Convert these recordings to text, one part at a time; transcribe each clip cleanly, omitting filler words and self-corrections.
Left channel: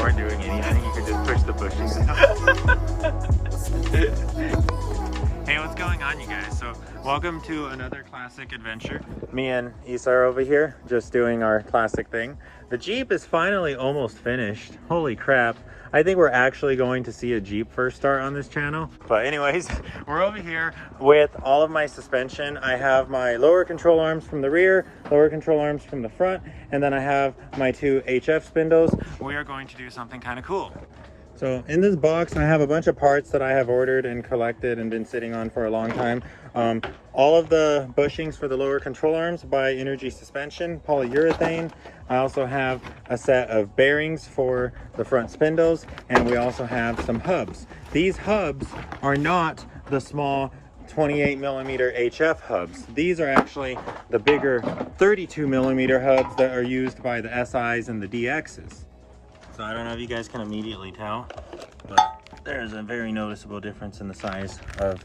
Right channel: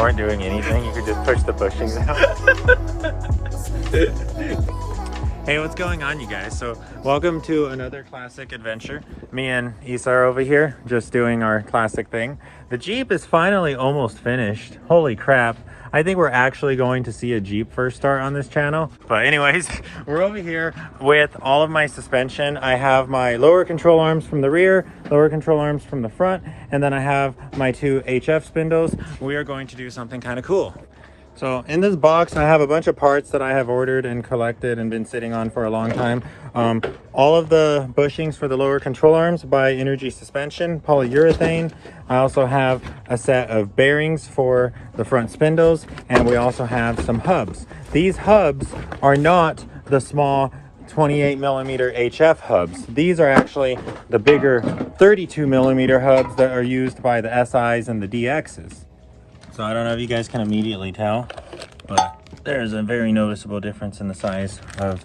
weren't doing anything, you could just push the bushings out. Hey, what's going on, you guys? So welcome to another classic adventure. Me and Issa are over here just doing our classic thing. The Jeep is finally almost finished. Holy crap. I think we're actually going to see a Jeep first start on this channel. But anyways, we're over here with all of my suspension. I have my lower control arms from the rear, lower control arms from the front, and then I have my two HF spindles. We are going to do something kind of cool. So in this box, I have a bunch of parts that I have ordered and collected and been sitting on for a long time. All of the bushings for the lower control arms by Energy Suspension, polyurethane. I also have a set of bearings for the front spindles, and we also have some hubs. These hubs are not the small 28mm HF hubs. These are actually the bigger 32mm hubs that are used by the SIs and the DXs. So I don't know if you guys can immediately tell, but there's a very noticeable difference in the size of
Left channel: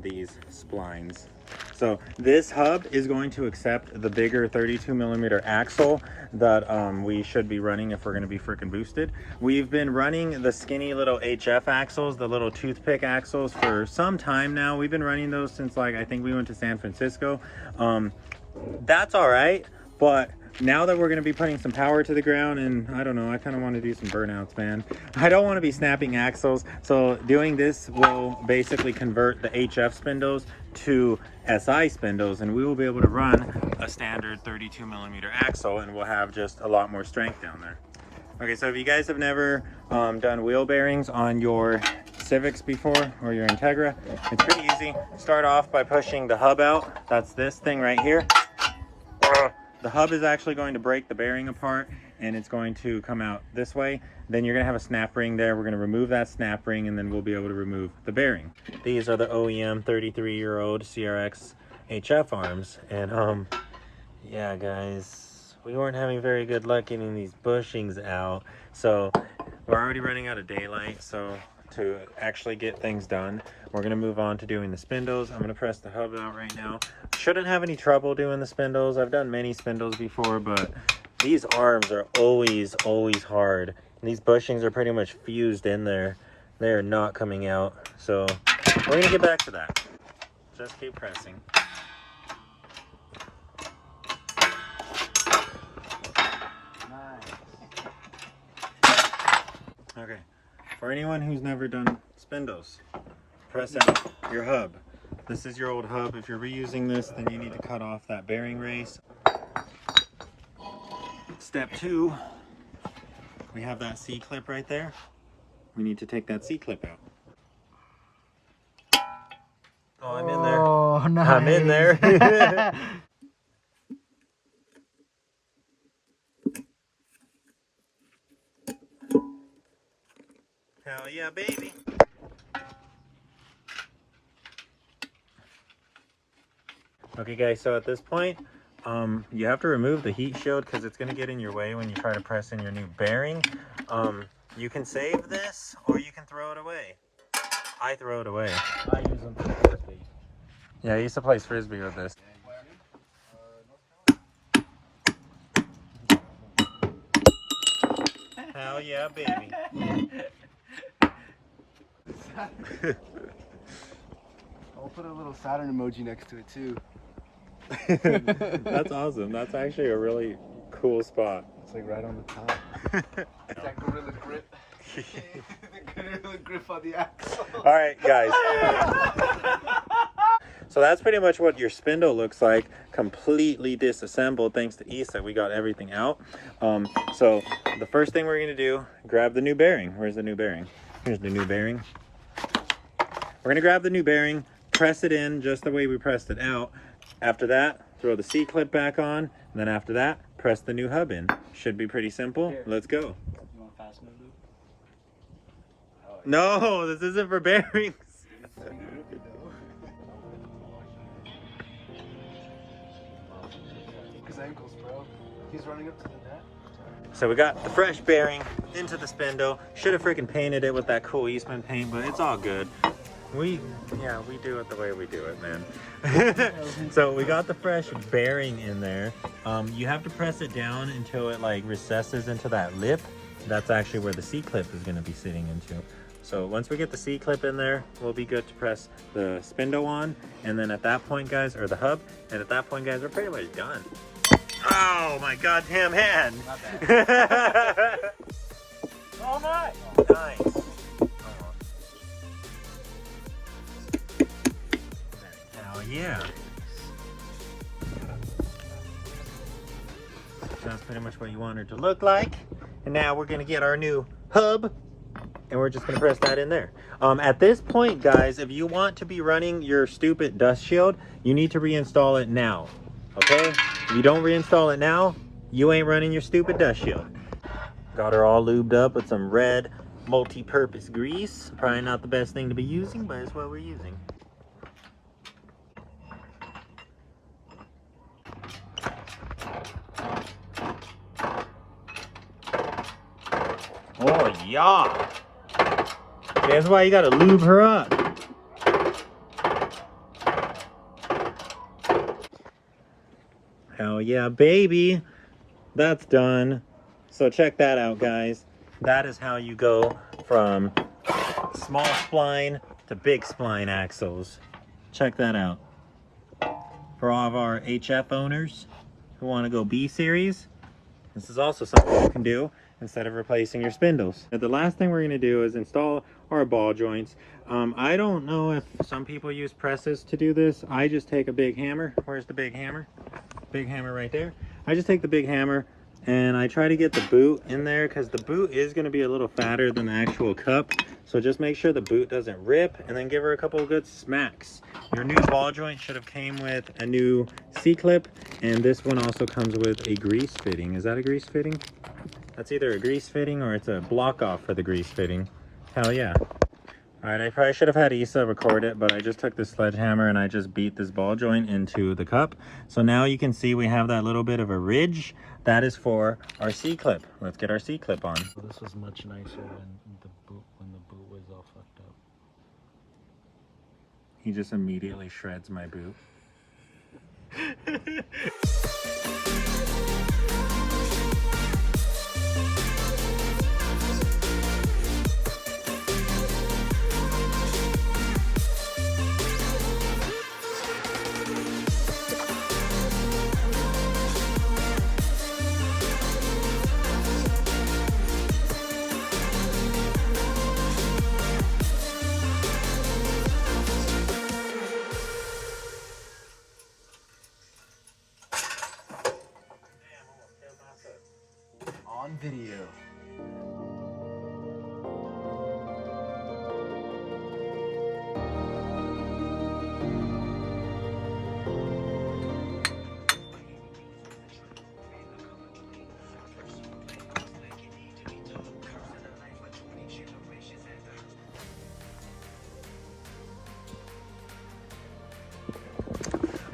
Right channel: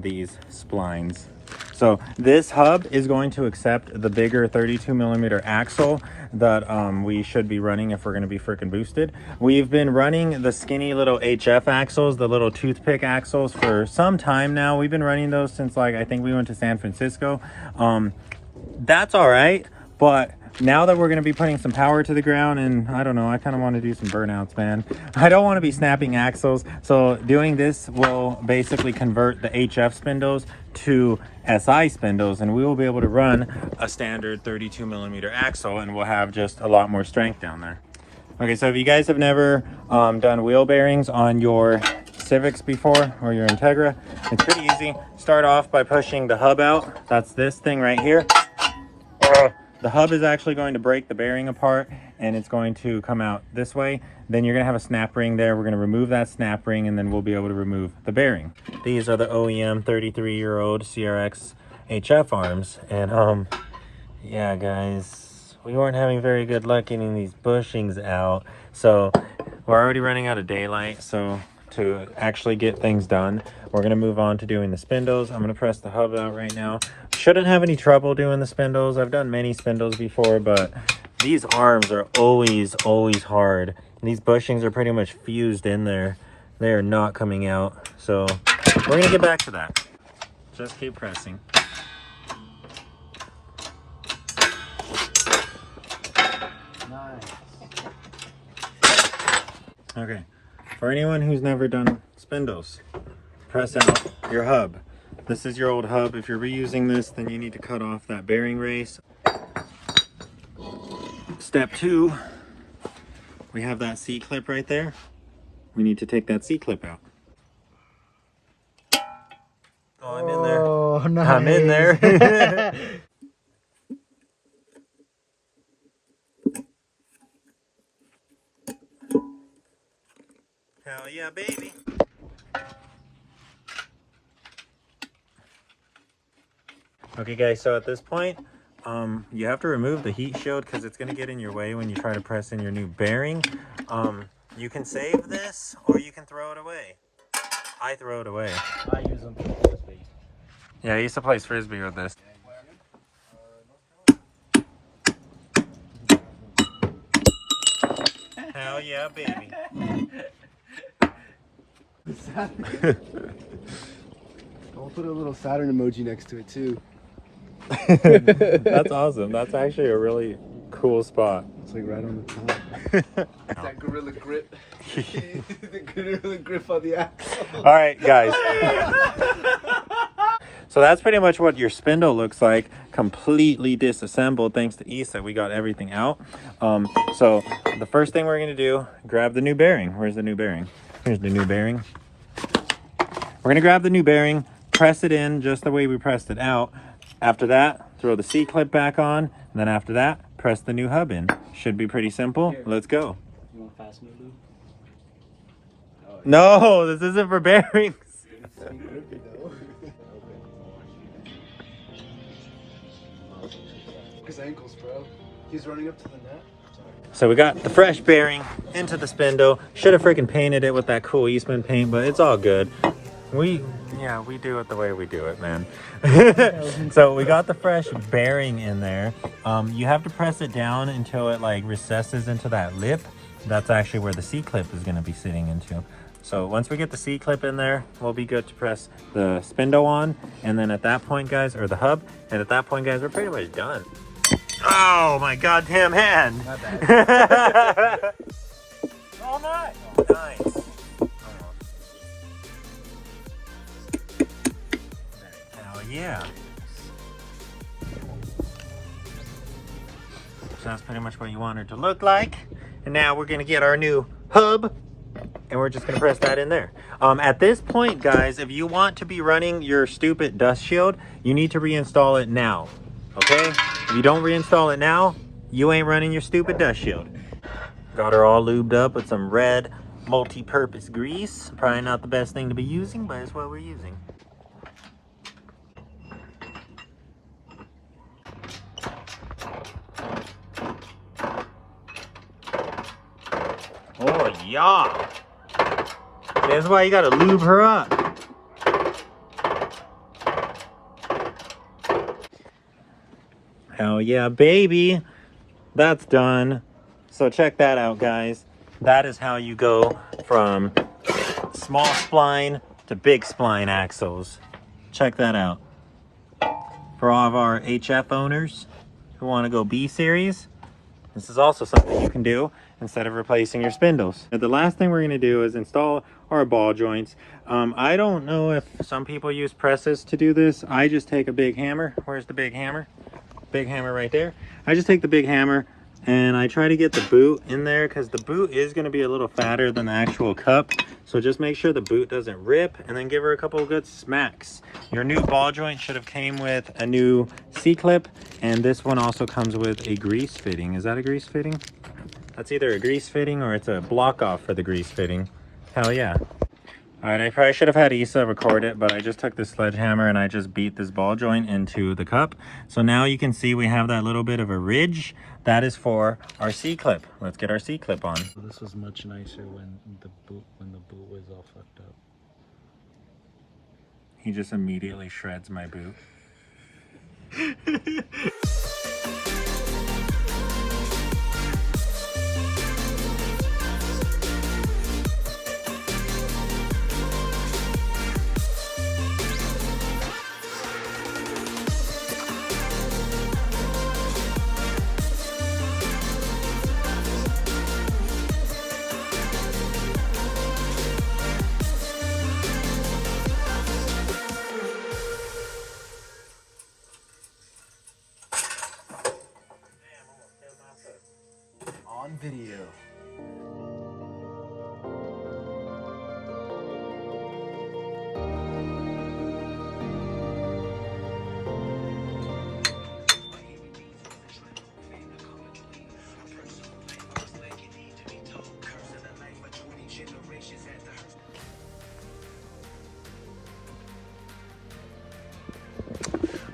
these splines. So this hub is going to accept the bigger 32mm axle that we should be running if we're going to be freaking boosted. We've been running the skinny little HF axles, the little toothpick axles, for some time now. We've been running those since, like, I think we went to San Francisco. That's all right, but now that we're going to be putting some power to the ground, and I don't know, I kind of want to do some burnouts, man. I don't want to be snapping axles, so doing this will basically convert the HF spindles to SI spindles, and we will be able to run a standard 32mm axle, and we'll have just a lot more strength down there. Okay, so if you guys have never done wheel bearings on your Civics before, or your Integra, it's pretty easy. Start off by pushing the hub out. That's this thing right here. The hub is actually going to break the bearing apart, and it's going to come out this way. Then you're going to have a snap ring there. We're going to remove that snap ring, and then we'll be able to remove the bearing. These are the OEM 33-year-old CRX HF arms. And yeah, guys, we weren't having very good luck getting these bushings out. So we're already running out of daylight. So to actually get things done, we're going to move on to doing the spindles. I'm going to press the hub out right now. Shouldn't have any trouble doing the spindles. I've done many spindles before, but these arms are always hard. And these bushings are pretty much fused in there. They are not coming out. So we're gonna get back to that. Just keep pressing. Nice. Okay, for anyone who's never done spindles, press out your hub. This is your old hub. If you're reusing this, then you need to cut off that bearing race. Step 2, we have that C-clip right there. We need to take that C-clip out. Oh, I'm in there. Oh, nice. I'm in there. Hell yeah, baby. Okay guys, so at this point, you have to remove the heat shield because it's going to get in your way when you try to press in your new bearing. You can save this or you can throw it away. I throw it away. I use them for frisbee. Yeah, I used to play frisbee with this. Hell yeah, baby. I'll put a little Saturn emoji next to it too. That's awesome. That's actually a really cool spot. It's like right on the top. That gorilla grip. The gorilla grip on the axle. All right, guys. So that's pretty much what your spindle looks like, completely disassembled. Thanks to Issa, we got everything out. So the first thing we're going to do, grab the new bearing. Where's the new bearing? Here's the new bearing. We're going to grab the new bearing, press it in just the way we pressed it out. After that, throw the C-clip back on, and then after that, press the new hub in. Should be pretty simple. Let's go. You want fast maybe? No, this isn't for bearings. His ankles, bro. He's running up to the net. So we got the fresh bearing into the spindle. Should have freaking painted it with that cool Eastman paint, but it's all good. We do it the way we do it, man. So we got the fresh bearing in there. You have to press it down until it like recesses into that lip, that's actually where the C-clip is going to be sitting into. So once we get the C-clip in there, we'll be good to press the spindle on. And then at that point, guys, or the hub, and at that point, guys, we're pretty much done. Oh my goddamn hand! Oh my! Nice. Hell yeah. So that's pretty much what you want it to look like. And now we're gonna get our new hub and we're just gonna press that in there. At this point, guys, if you want to be running your stupid dust shield, you need to reinstall it now, okay? If you don't reinstall it now, you ain't running your stupid dust shield. Got her all lubed up with some red multi-purpose grease. Probably not the best thing to be using, but it's what we're using. Oh yeah. That's why you gotta lube her up. Hell yeah, baby. That's done. So check that out, guys. That is how you go from small spline to big spline axles. Check that out. For all of our HF owners who want to go B series, this is also something you can do instead of replacing your spindles. And the last thing we're going to do is install our ball joints. I don't know if some people use presses to do this. I just take a big hammer. Where's the big hammer? Big hammer right there. I just take the big hammer and I try to get the boot in there because the boot is going to be a little fatter than the actual cup. So just make sure the boot doesn't rip and then give her a couple of good smacks. Your new ball joint should have came with a new C-clip, and this one also comes with a grease fitting. Is that a grease fitting? That's either a grease fitting or it's a block off for the grease fitting. Hell yeah. Alright, I probably should have had Isa record it, but I just took this sledgehammer and I just beat this ball joint into the cup. So now you can see we have that little bit of a ridge. That is for our C-clip. Let's get our C-clip on. This was much nicer when the boot was all fucked up. He just immediately shreds my boot. On video.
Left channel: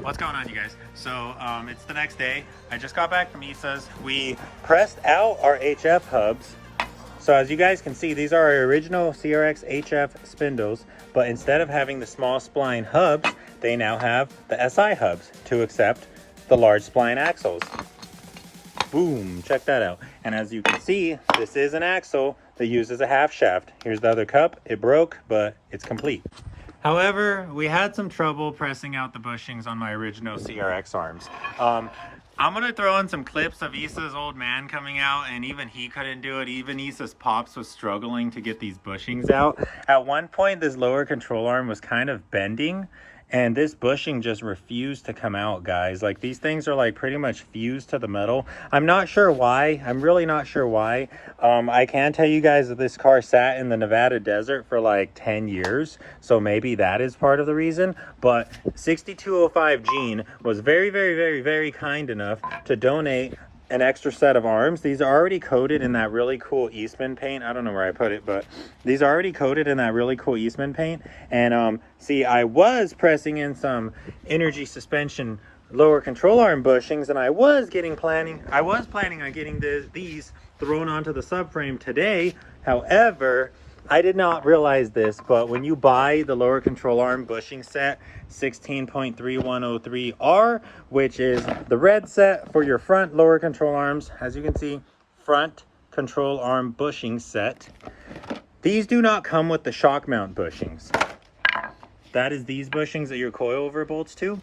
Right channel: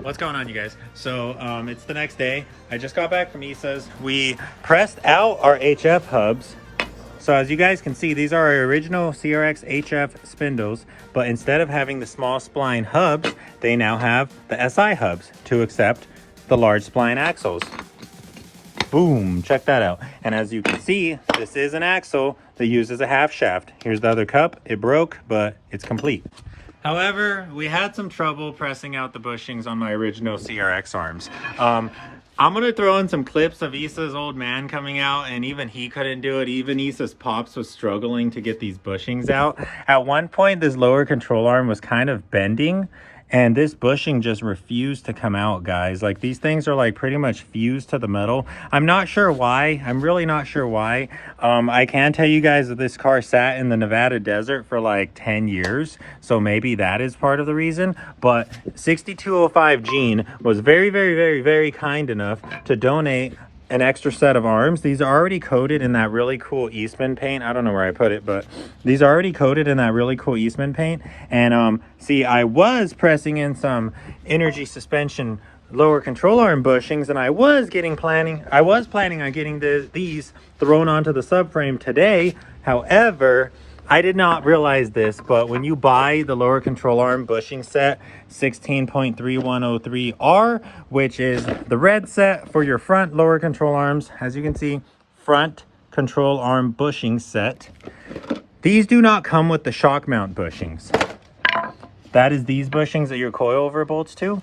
What's going on, you guys? So it's the next day. I just got back from Isa's. We pressed out our HF hubs. So as you guys can see, these are our original CRX HF spindles, but instead of having the small spline hubs, they now have the SI hubs to accept the large spline axles. Boom, check that out. And as you can see, this is an axle that uses a half shaft. Here's the other cup. It broke, but it's complete. However, we had some trouble pressing out the bushings on my original CRX arms. I'm gonna throw in some clips of Isa's old man coming out, and even he couldn't do it. Even Isa's pops was struggling to get these bushings out. At one point, this lower control arm was kind of bending, and this bushing just refused to come out, guys. Like, these things are like pretty much fused to the metal. I'm not sure why. I'm really not sure why. I can tell you guys that this car sat in the Nevada desert for like 10 years. So maybe that is part of the reason. But 6205 Gene was very, very, very, very kind enough to donate an extra set of arms. These are already coated in that really cool Eastman paint. I don't know where I put it, but these are already coated in that really cool Eastman paint. And see, I was pressing in some energy suspension lower control arm bushings, and I was planning on getting these thrown onto the subframe today. However, I did not realize this, but when you buy the lower control arm bushing set 16.3103R, which is the red set for your front lower control arms, as you can see, front control arm bushing set. These do not come with the shock mount bushings. That is these bushings that your coilover bolts to.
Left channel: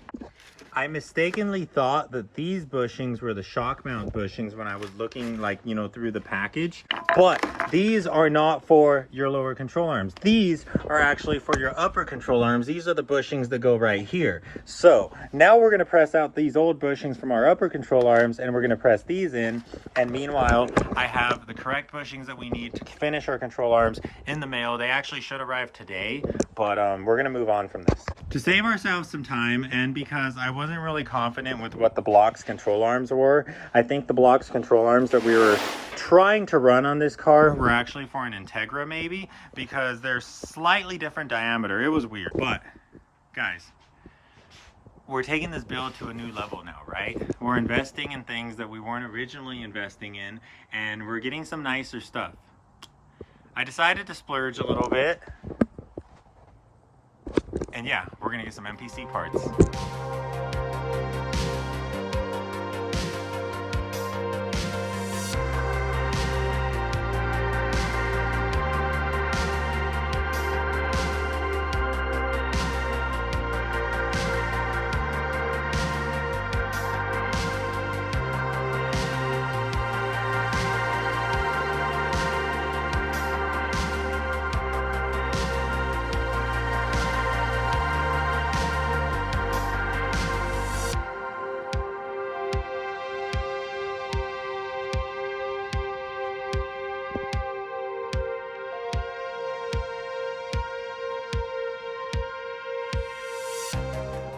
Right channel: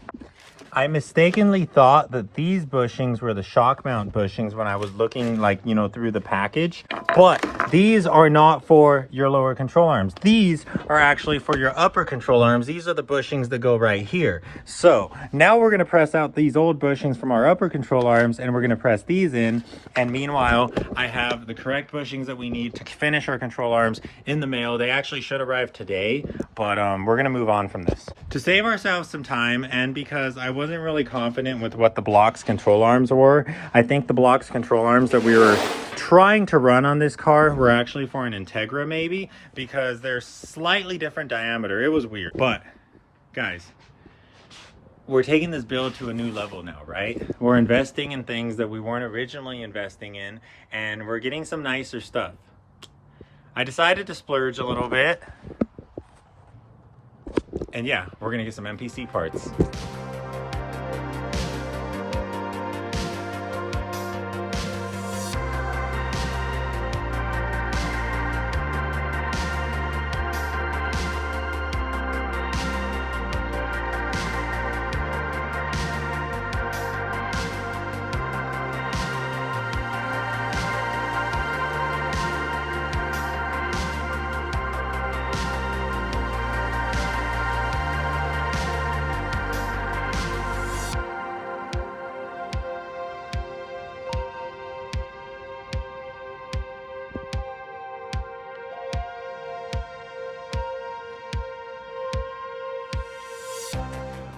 I mistakenly thought that these bushings were the shock mount bushings when I was looking, like, you know, through the package. But these are not for your lower control arms. These are actually for your upper control arms. These are the bushings that go right here. So now we're gonna press out these old bushings from our upper control arms and we're gonna press these in. And meanwhile, I have the correct bushings that we need to finish our control arms in the mail. They actually should arrive today, but we're gonna move on from this. To save ourselves some time, and because I wasn't really confident with what the blocks control arms were, I think the blocks control arms that we were trying to run on this car were actually for an Integra maybe, because they're slightly different diameter. It was weird. But guys, we're taking this build to a new level now, right? We're investing in things that we weren't originally investing in, and we're getting some nicer stuff. I decided to splurge a little bit. And yeah, we're gonna get some MPC parts.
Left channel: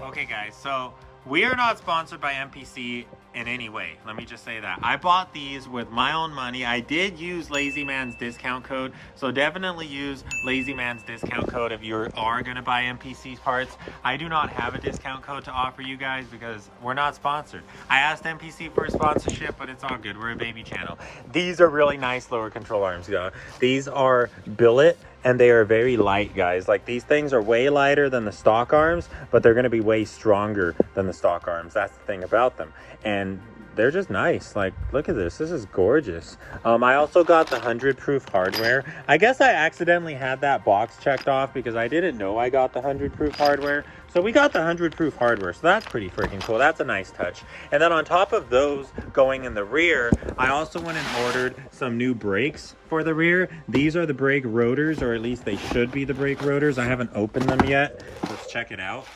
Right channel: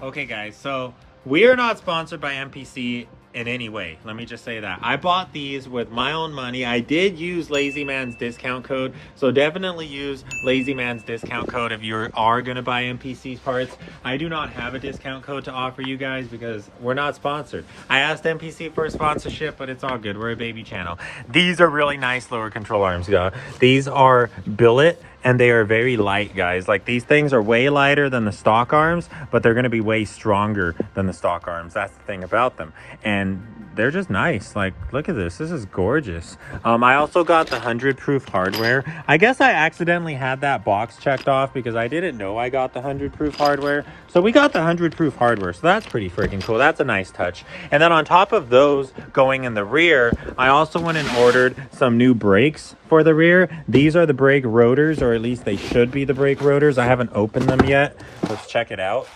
Okay guys, so we are not sponsored by MPC in any way. Let me just say that. I bought these with my own money. I did use Lazy Man's discount code, so definitely use Lazy Man's discount code if you are gonna buy MPC parts. I do not have a discount code to offer you guys because we're not sponsored. I asked MPC for a sponsorship, but it's all good. We're a baby channel. These are really nice lower control arms, guys. These are Billet, and they are very light, guys. Like, these things are way lighter than the stock arms, but they're gonna be way stronger than the stock arms. That's the thing about them. And they're just nice. Like, look at this. This is gorgeous. I also got the 100 proof hardware. I guess I accidentally had that box checked off because I didn't know I got the 100 proof hardware. So we got the 100 proof hardware. So that's pretty freaking cool. That's a nice touch. And then on top of those going in the rear, I also went and ordered some new brakes for the rear. These are the brake rotors, or at least they should be the brake rotors. I haven't opened them yet. Let's check it out.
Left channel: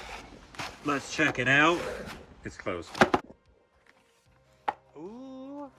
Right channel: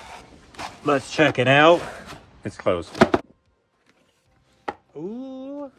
Let's check it out. It's closed. Ooh.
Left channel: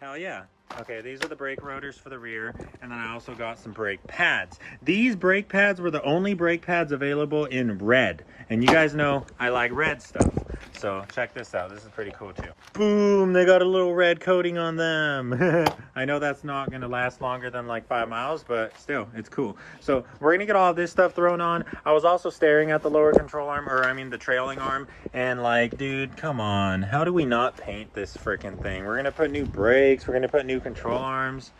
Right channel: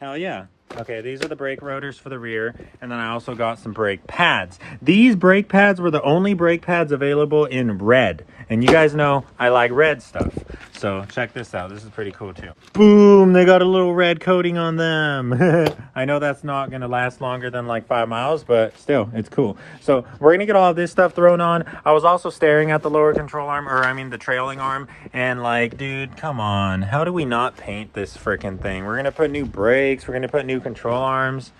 Hell yeah. Okay, these are the brake rotors for the rear, and then I also got some brake pads. These brake pads were the only brake pads available in red, and you guys know I like red stuff. So check this out. This is pretty cool too. Boom, they got a little red coating on them. I know that's not gonna last longer than like 5 miles, but still, it's cool. So we're gonna get all of this stuff thrown on. I was also staring at the lower control arm, or I mean the trailing arm, and like, dude, come on. How do we not paint this freaking thing? We're gonna put new brakes, we're gonna put new control arms.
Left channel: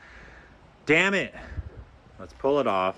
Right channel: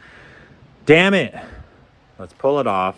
Damn it. Let's pull it off.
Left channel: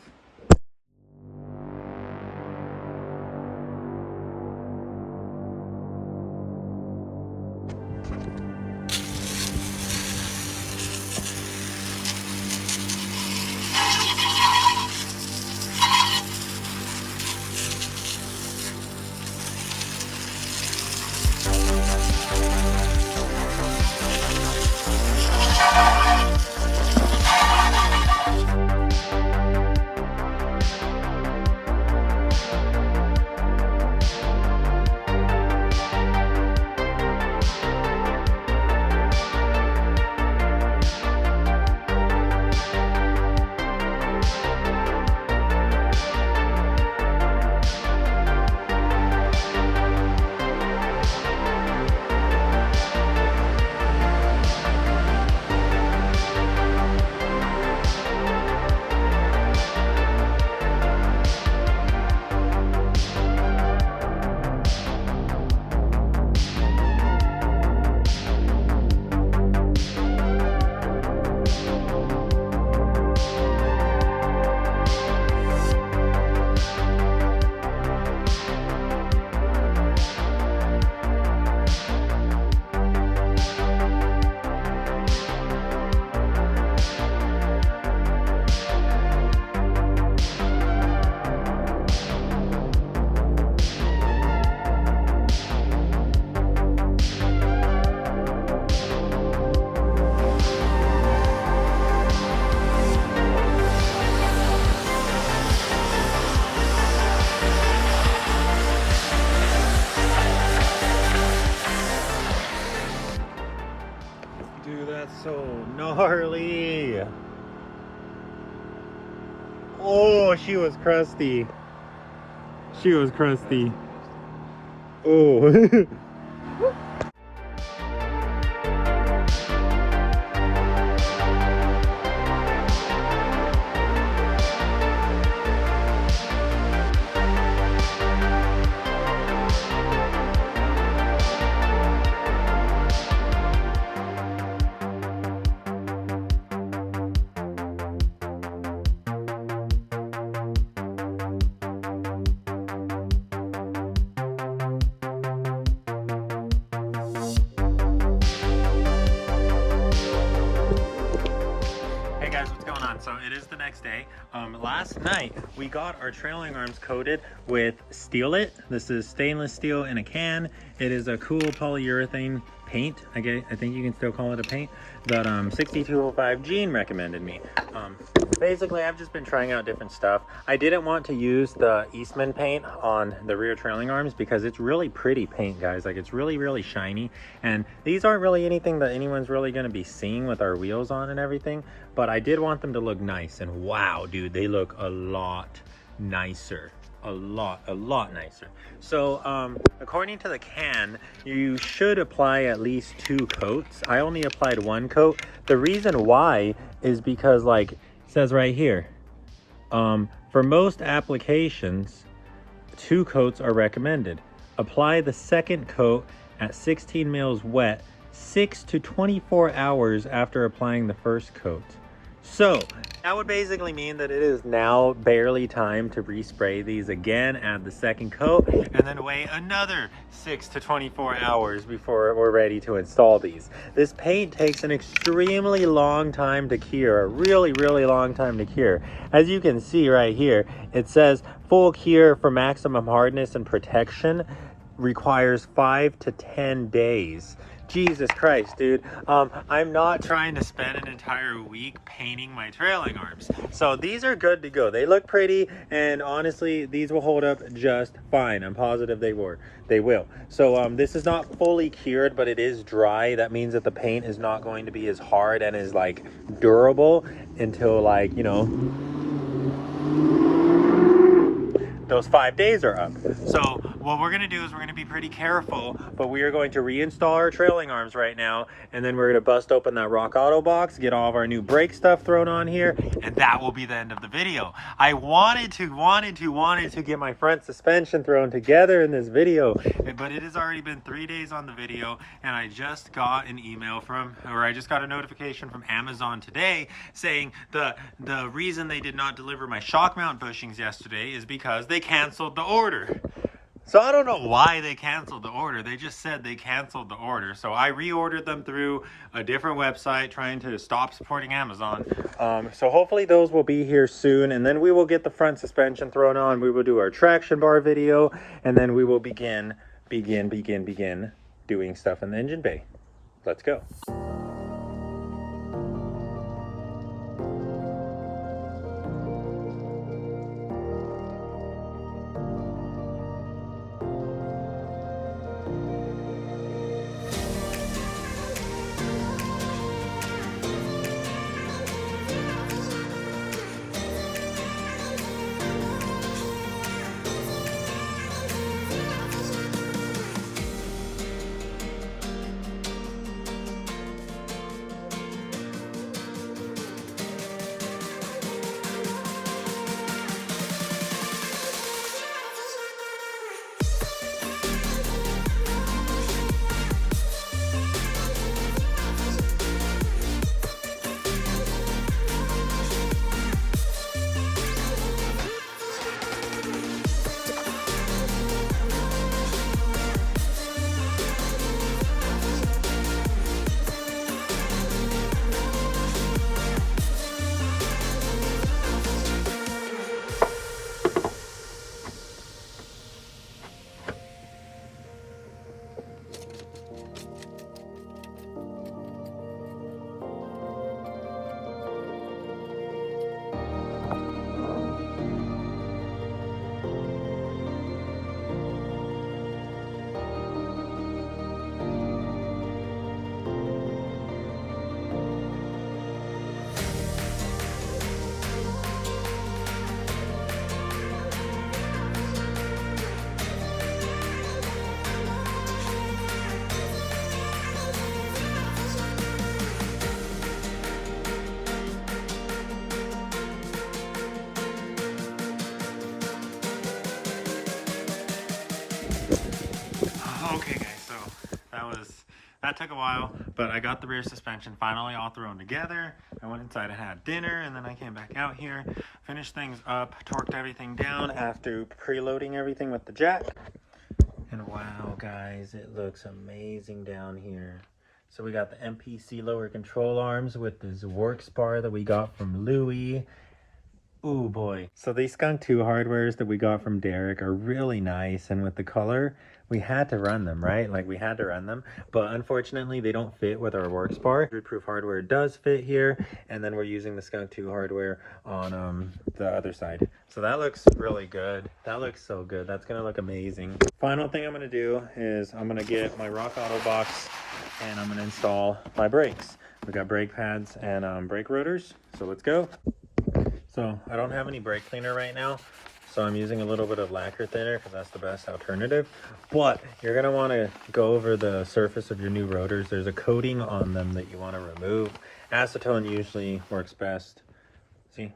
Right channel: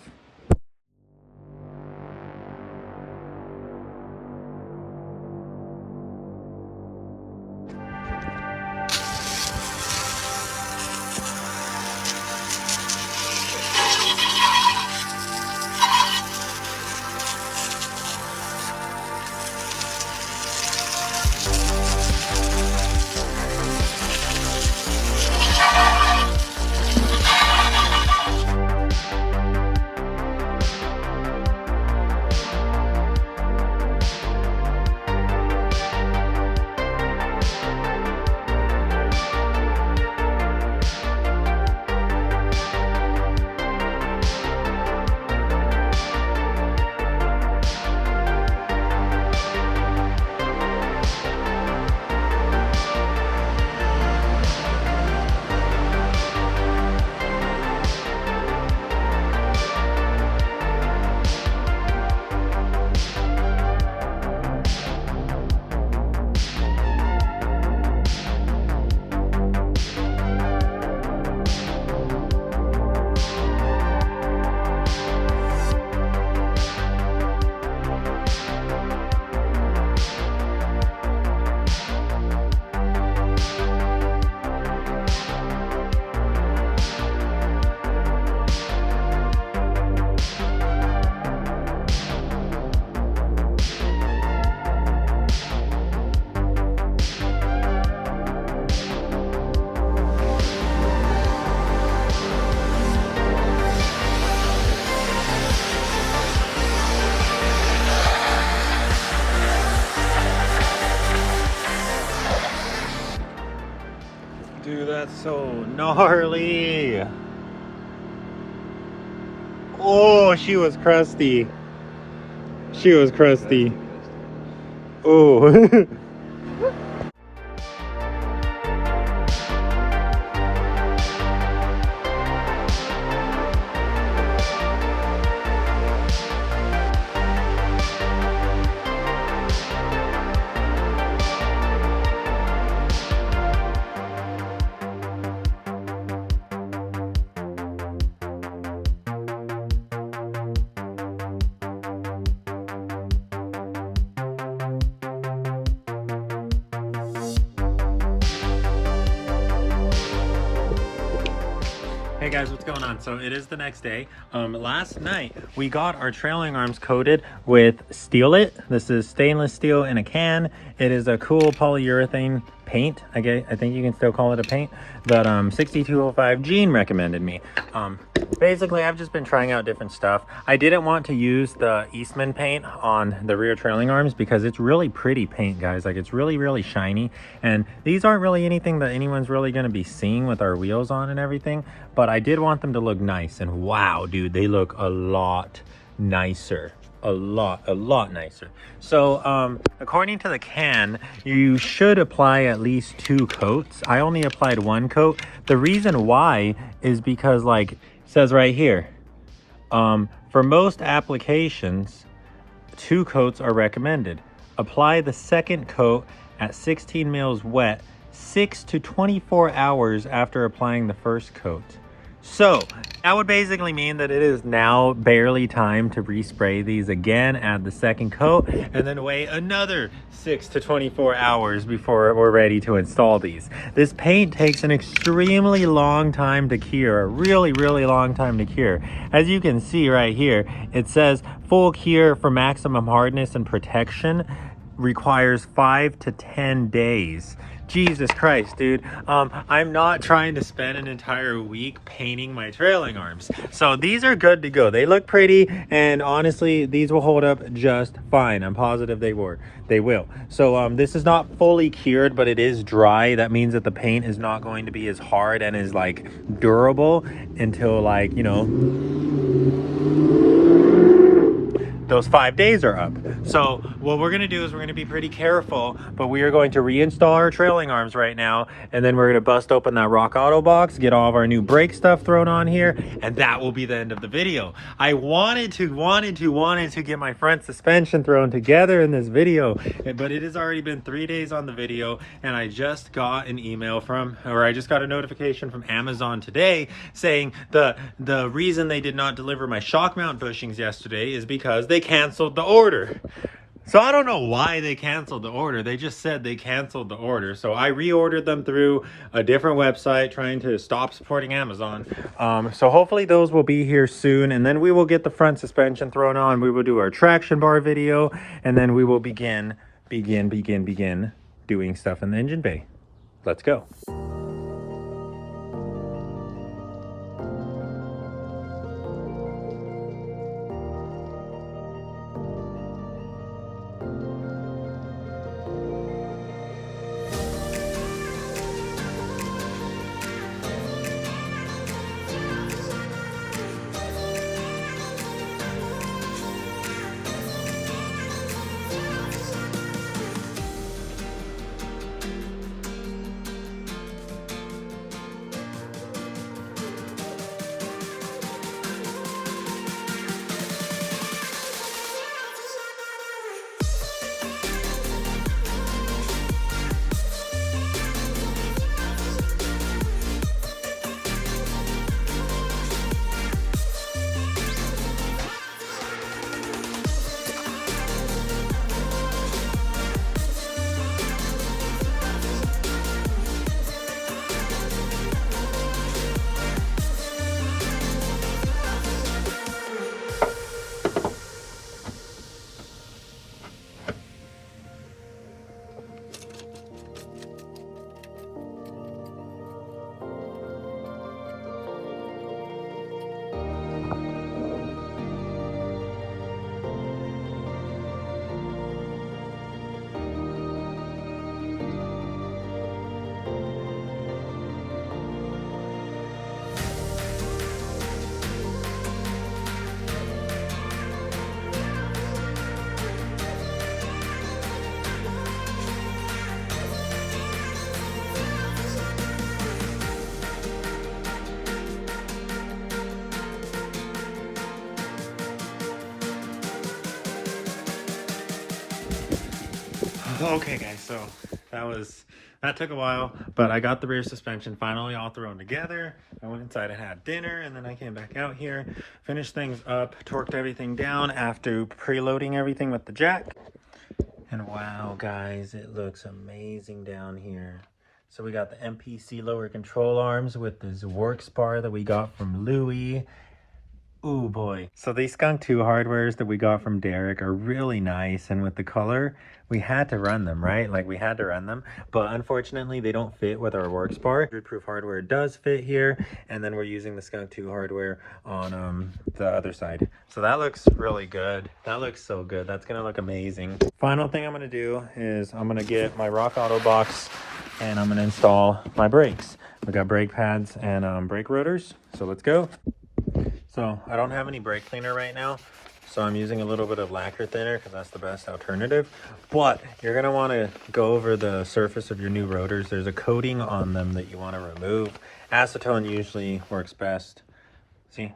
dude, that's so gnarly. Oh, she was crusty. She was crusty. Oh. Hey guys, what's going on? So it is the next day. Last night we got our trailing arms coated with Billet. This is stainless steel in a can. It is a cool polyurethane paint. I think you can still call it a paint that 6205 Gene recommended me. Basically, I've just been trying out different stuff. I didn't want to use the EF'n paint on the rear trailing arms because it's really pretty paint, guys. Like, it's really, really shiny. And these aren't really anything that anyone's really going to be seeing with our wheels on and everything. But I did want them to look nice. And wow, dude, they look a lot nicer. A lot nicer. So according to the can, you should apply at least 2 coats. I only applied 1 coat. The reason why is because, like, says right here, for most applications 2 coats are recommended. Apply the second coat at 16 mils wet 6 to 24 hours after applying the first coat. So that would basically mean that it is now barely time to respray these again, add the second coat, and then wait another 6 to 24 hours before we're ready to install these. This paint takes an extremely long time to cure, a really, really long time to cure. As you can see right here, it says full cure for maximum hardness and protection requires 5 to 10 days. Jesus Christ, dude. I'm not trying to spend an entire week painting my trailing arms. So these are good to go. They look pretty, and honestly, these will hold up just fine. I'm positive they will. So this is not fully cured, but it is dry. That means that the paint is not going to be as hard and as like durable until, like, you know, those 5 days are up. So what we're gonna do is we're gonna be pretty careful, but we are going to reinstall our trailing arms right now, and then we're gonna bust open that Rock Auto box, get all of our new brake stuff thrown on here, and that will be the end of the video. I wanted to get my front suspension thrown together in this video, but it has already been 3 days on the video, and I just got an email I just got a notification from Amazon today saying the reason they did not deliver my shock mount bushings yesterday is because they canceled the order. So I don't know why they canceled the order. They just said they canceled the order. So I reordered them through a different website, trying to stop supporting Amazon. So hopefully those will be here soon, and then we will get the front suspension thrown on. We will do our traction bar video, and then we will begin doing stuff in the engine bay. Let's go. Okay guys, so that took a while, but I got the rear suspension finally all thrown together. I went inside and had dinner, and then I came back out here, finished things up, torqued everything down after preloading everything with the jack. And wow guys, it looks amazing down here. So we got the MPC lower control arms with this Works bar that we got from Louis. Ooh boy. So these Skunk 2 hardwares that we got from Derek are really nice, and with the color, we had to run them, right? Like we had to run them, but unfortunately they don't fit with our Works bar. Proof hardware does fit here, and then we're using the Skunk 2 hardware on the other side. So that looks really good. That looks so good. That's gonna look amazing. Final thing I'm gonna do is I'm gonna get my Rock Auto box and I'm gonna install my brakes. We got brake pads and brake rotors, so let's go. So I don't have any brake cleaner right now, so I'm using a little bit of lacquer thinner because that's the best alternative. But you're gonna want to go over the surface of your new rotors. There's a coating on them that you want to remove. Acetone usually works best. See?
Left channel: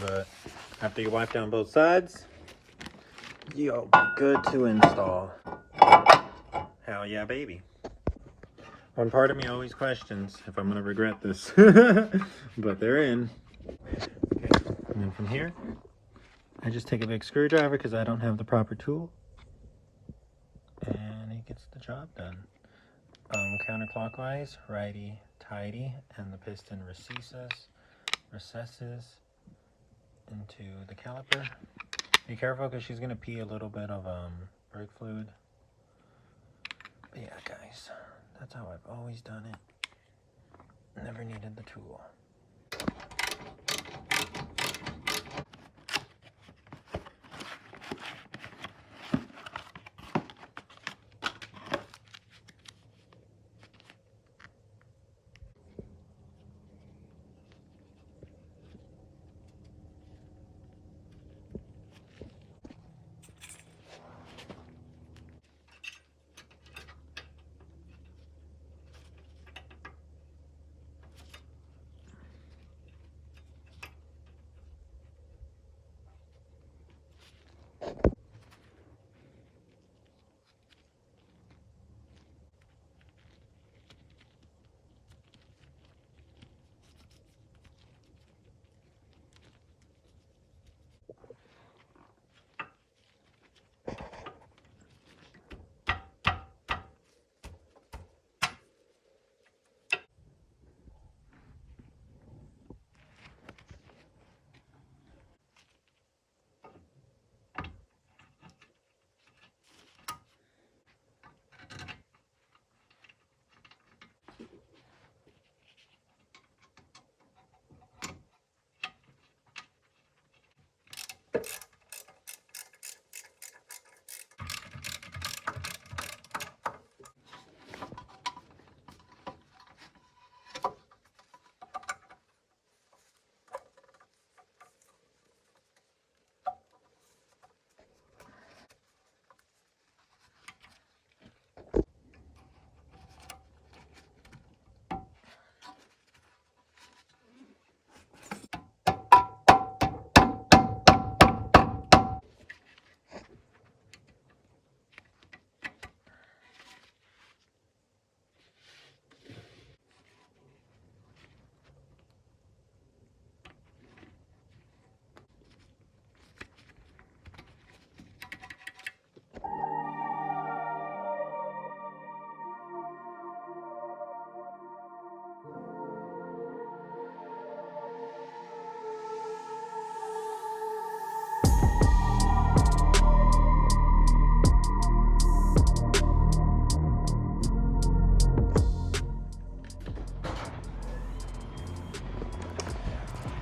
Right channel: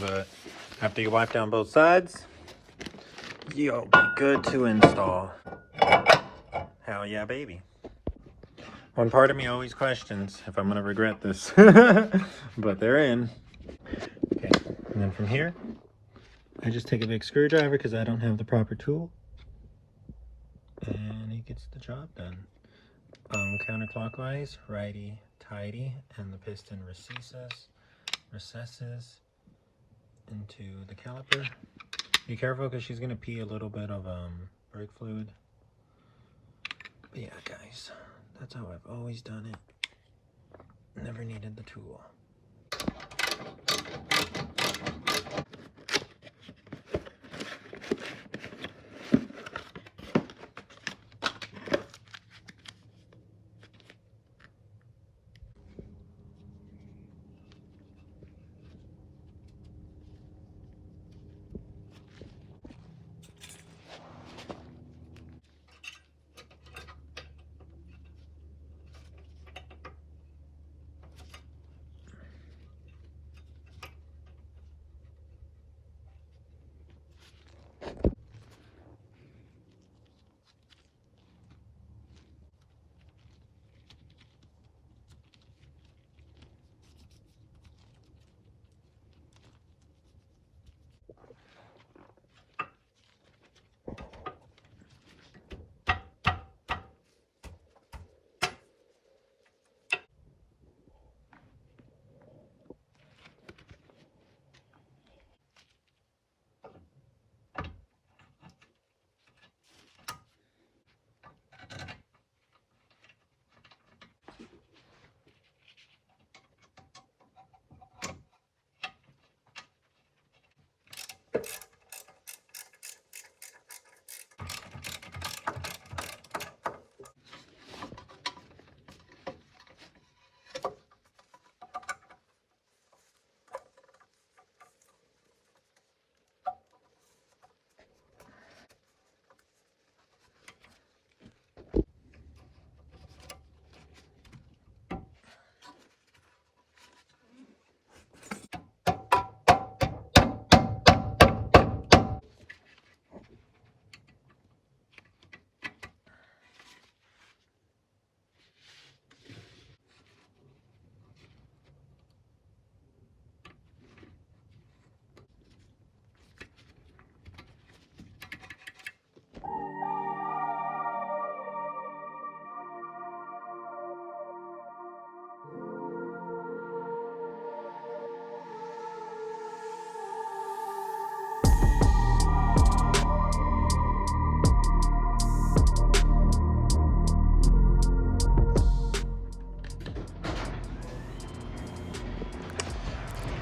But after you wipe down both sides, you'll be good to install. Hell yeah, baby. One part of me always questions if I'm gonna regret this, but they're in. Okay, and then from here, I just take a big screwdriver because I don't have the proper tool, and it gets the job done. Counterclockwise, righty tighty, and the piston recesses into the caliper. Be careful because she's gonna pee a little bit of brake fluid. But yeah, guys, that's how I've always done it. Never needed the tool.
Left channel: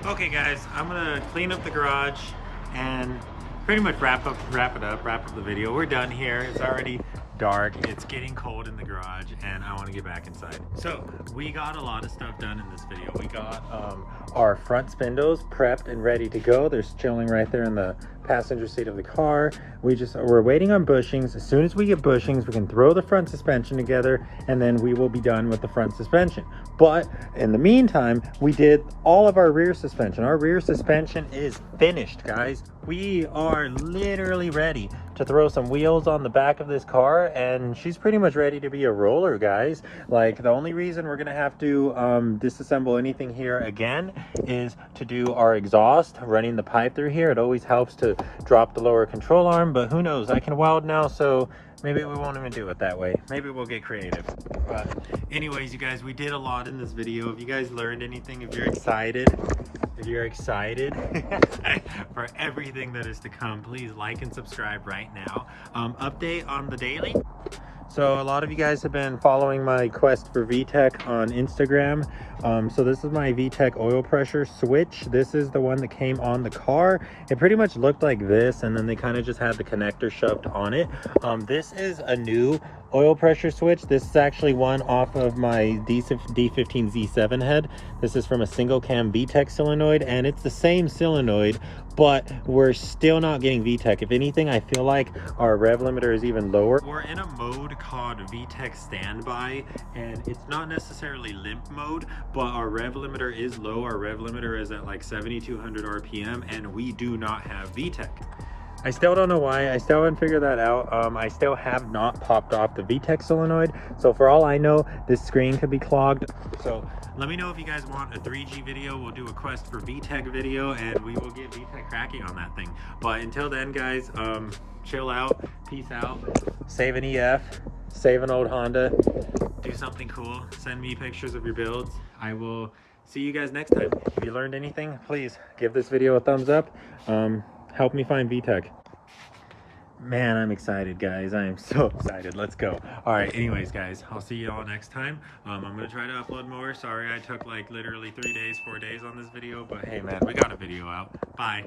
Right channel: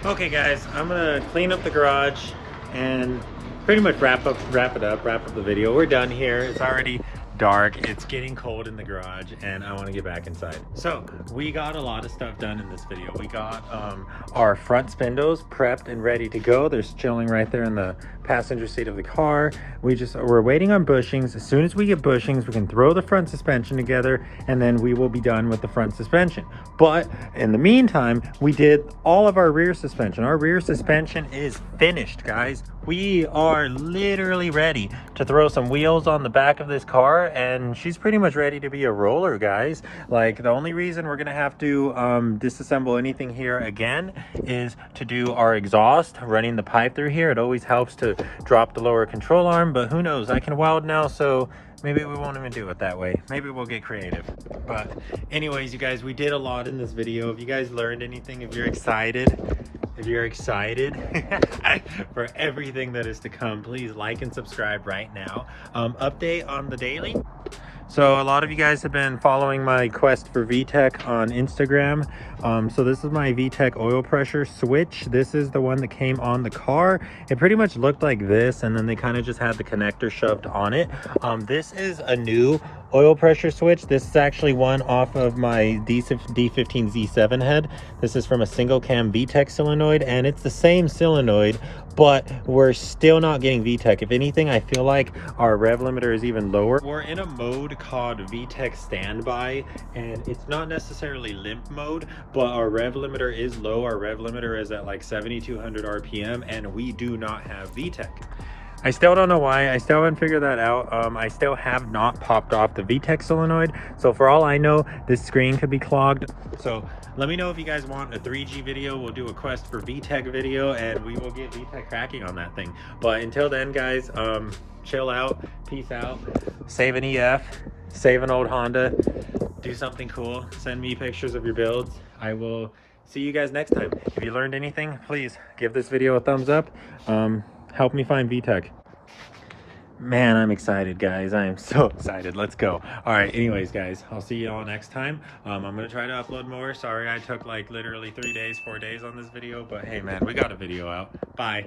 Okay guys, I'm gonna clean up the garage and pretty much wrap up the video. We're done here. It's already dark, it's getting cold in the garage, and I want to get back inside. So we got a lot of stuff done in this video. We got our front spindles prepped and ready to go. They're chilling right there in the passenger seat of the car. We're waiting on bushings. As soon as we get bushings, we can throw the front suspension together, and then we will be done with the front suspension. But in the meantime, we did all of our rear suspension. Our rear suspension is finished, guys. We are literally ready to throw some wheels on the back of this car, and she's pretty much ready to be a roller, guys. Like, the only reason we're gonna have to disassemble anything here again is to do our exhaust, running the pipe through here. It always helps to drop the lower control arm, but who knows, I can weld now, so maybe we won't even do it that way. Maybe we'll get creative. But anyways, you guys, we did a lot in this video. If you guys learned anything, if you're excited for everything that is to come, please like and subscribe right now. Update on the daily. So a lot of you guys have been following my quest for Vtec on Instagram. So this is my Vtec oil pressure switch. This is the one that came on the car. It pretty much looked like this, and then they kind of just had the connector shoved on it. This is a new oil pressure switch. This is actually one off of my D15Z7 head. This is from a single cam Vtec solenoid, and it's the same solenoid, but we're still not getting Vtec. If anything, I feel like our rev limiter is even lower. We're in a mode called Vtec standby, and it's not necessarily limp mode, but our rev limiter is low. Our rev limiter is at like 7,200 RPM, and we do not have Vtec. I still don't know why. I still haven't figured that out. I still have not popped off the Vtec solenoid, so for all I know, this screen could be clogged. So let me know if you guys want a 3G video. We'll do a quest for Vtec video, and we will get Vtec cracking on that thing. But until then, guys, chill out, peace out, save an EF, save an old Honda, do something cool, send me pictures of your builds. I will see you guys next time. If you learned anything, please give this video a thumbs up. Help me find Vtec. Man, I'm excited, guys. I am so excited. Let's go. All right, anyways, guys, I'll see you all next time. I'm gonna try to upload more. Sorry I took like literally 3 days, 4 days on this video, but hey man, we got a video out. Bye.